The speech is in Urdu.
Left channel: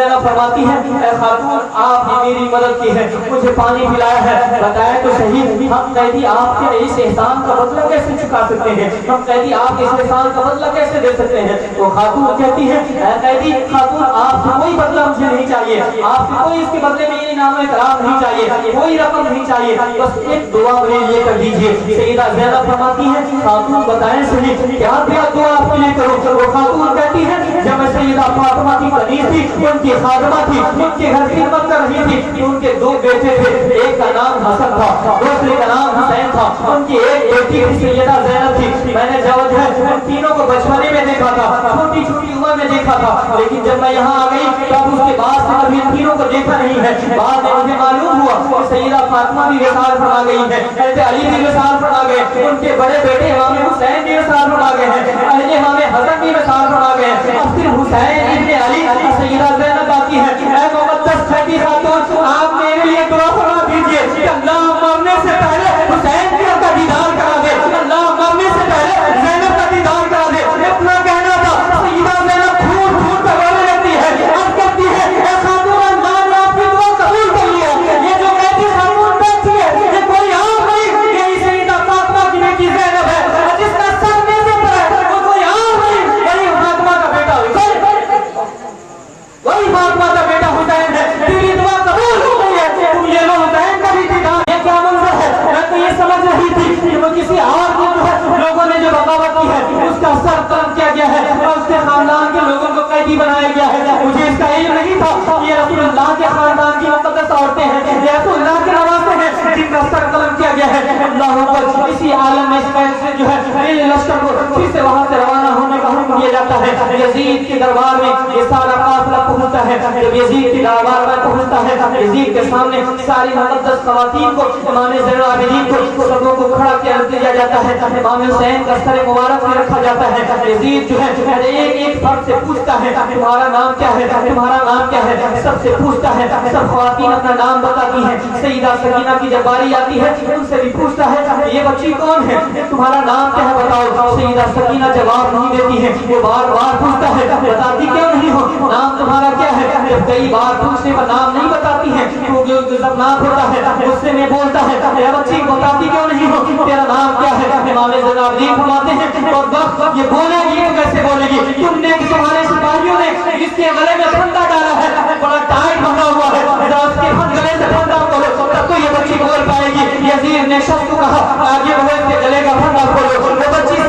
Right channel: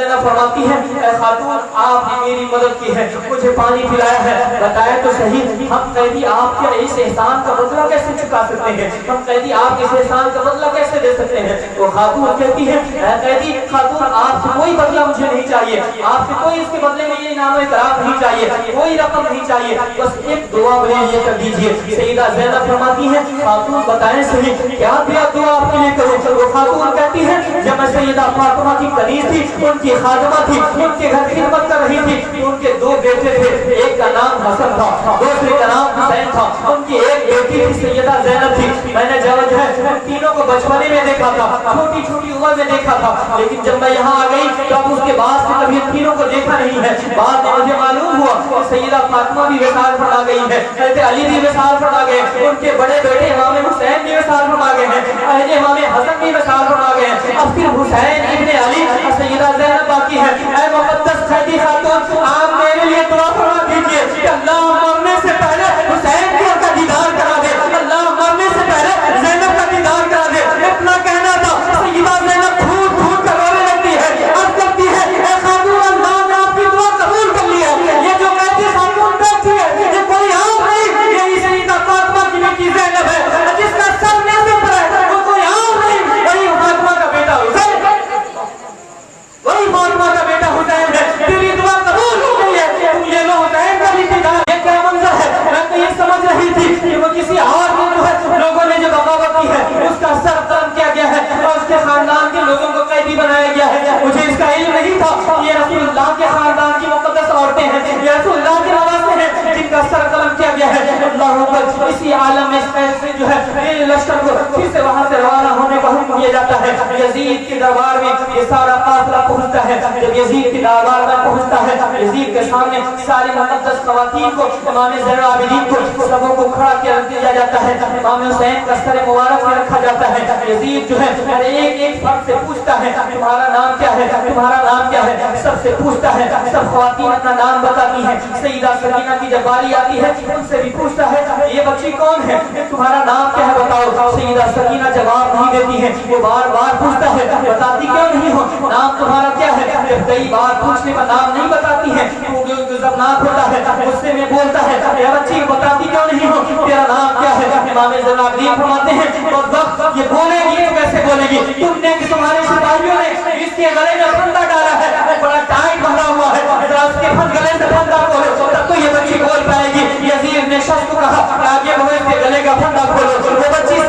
زینب فرماتی ہے اے خاتون آپ نے میری مدد کی ہے, مجھے پانی پلایا ہے, بتایا تو صحیح ہم قیدی آپ کے اس احسان کا بدلہ کیسے چکا سکتے ہیں, ہم قیدی آپ کے اس احسان کا بدلہ کیسے دے سکتے ہیں. وہ خاتون کہتی ہے اے قیدی خاتون آپ سے کوئی بدلہ مجھے نہیں چاہیے, آپ سے کوئی اس کے بدلے میں یہ انعام و اکرام نہیں چاہیے, کوئی رقم نہیں چاہیے, بس ایک دعا مجھے یہ کر دیجیے. سیدہ زینب فرماتی ہے خاتون بتائیں صحیح کیا دعا آپ کے لیے کروں. وہ خاتون کہتی ہے جب میں سیدہ فاطمہ کی کنیز تھی, ان کی خادمہ تھی, ان کے گھر خدمت کر رہی تھی, ان کے دو بیٹے تھے, ایک کا نام حسن تھا, دوسرے کا نام حسین تھا, ان کی ایک بیٹی تھی سیدہ زینب تھی. میں نے جو ہے ان تینوں کو بچپنے میں دیکھا تھا, چھوٹی چھوٹی عمر میں دیکھا تھا, لیکن جب میں یہاں آ گئی تب اس کے بعد سے کبھی ان تینوں کو دیکھا نہیں ہے. بعد میں مجھے معلوم ہوا کہ سیدہ فاطمہ بھی وصال فرما گئی ہے, حضرت علی بھی وصال فرما گئے, ان کے بڑے بیٹے امام حسین بھی وصال فرما گئے ہیں, اہل امام حسن بھی وصال فرما گئے ہیں. اب پھر حسین ابن علی سیدہ زینب باقی ہے. اے مقدس چھٹی خاتون آپ میرے لیے دعا فرما دیجیے کہ اللہ مرنے سے پہلے حسین کا دیدار کرا دے, اللہ مرنے سے پہلے زینب کا دیدار کرا دے. اتنا کہنا تھا. سیدہ زینب پھوٹ پھوٹ کر رونے لگتی ہے, عرض کرتی ہے اے خاتون اللہ نے آپ کی دعا قبول کر لیا. یہ جو کہتی خاتون بیٹھی ہے یہ کوئی عام نہیں, یہی سیدہ فاطمہ کی بیٹی زینب ہے جس کا سب نے ذکر ہے, وہ کوئی عام نہیں, وہی فاطمہ کا بیٹا حسین, وہی فاطمہ کا بیٹا حسین ہے. تیری دعا قبول ہو گئی ہے, تم یہ لو حسین کا بھی دیدار. یہ کیا منظر ہے, میں تو یہ سمجھ رہی تھی کہ وہ کسی اور کو جو ہے لوگوں نے جو بغاوت کی ہے اس کا سر قلم کیا گیا ہے اور اس کے خاندان کے لوگوں کو قیدی بنایا گیا ہے. مجھے اس کا علم نہیں تھا. یہ رسول اللہ کے خاندان کی مقدس عورتیں ہیں, یہ رسول اللہ کے نواسے ہیں جن کا سر قلم کیا گیا ہے. اللہ اکبر. اسی عالم میں اس فیصلے جو ہے لشکر کو پھر سے وہاں سے روانہ ہونے کا حکم دیا جاتا ہے. یزید کے دربار میں یہ سارا قافلہ پہنچتا ہے. جب یزید کے دربار میں پہنچتا ہے, یزید کے سامنے ساری مقدس خواتین کو, امام زین العابدین کو, سبوں کو کھڑا کیا دیا جاتا ہے. امام حسین کا سر مبارک میں رکھا جاتا ہے. یزید جو ہے ایک ایک فرد سے پوچھتا ہے تمہارا نام کیا ہے, تمہارا نام کیا ہے, سب سے پوچھتا ہے. سب خواتین اپنا نام بتاتی ہیں. سیدہ سکینہ کی جب باری آتی ہے ان سے بھی پوچھتا ہے یہ بچی کون ہے, تمہارا نام کیا ہے بتاؤ. سیدہ سکینہ جواب نہیں دیتی ہے, وہ بار بار پوچھتا ہے بتاتی کیوں نہیں ہو, نام تمہارا کیا ہے. جب کئی بار پوچھنے پر نام نہیں بتاتی ہے تو جب نام ہوتا ہے اس سے میں بولتا ہے اے بچی بتاتی کیوں نہیں ہو, تیرا نام کیا ہے. امام زین العابدین فرماتے ہیں اور وقت یہ بولے گی تو کیسے بولے گی, تم نے تمہارے سپاہیوں نے اس کے گلے میں پھندا ڈالا ہے, وہ بڑا ٹائٹ بندھا ہوا ہے, ذرا اس کے گلے سے پھندا کھولو تب تو یہ بچی بول پائے گی. یزید نے شخص کو کہا آگے وہ اس کے گلے کا پھندا کھولو. وہ بچی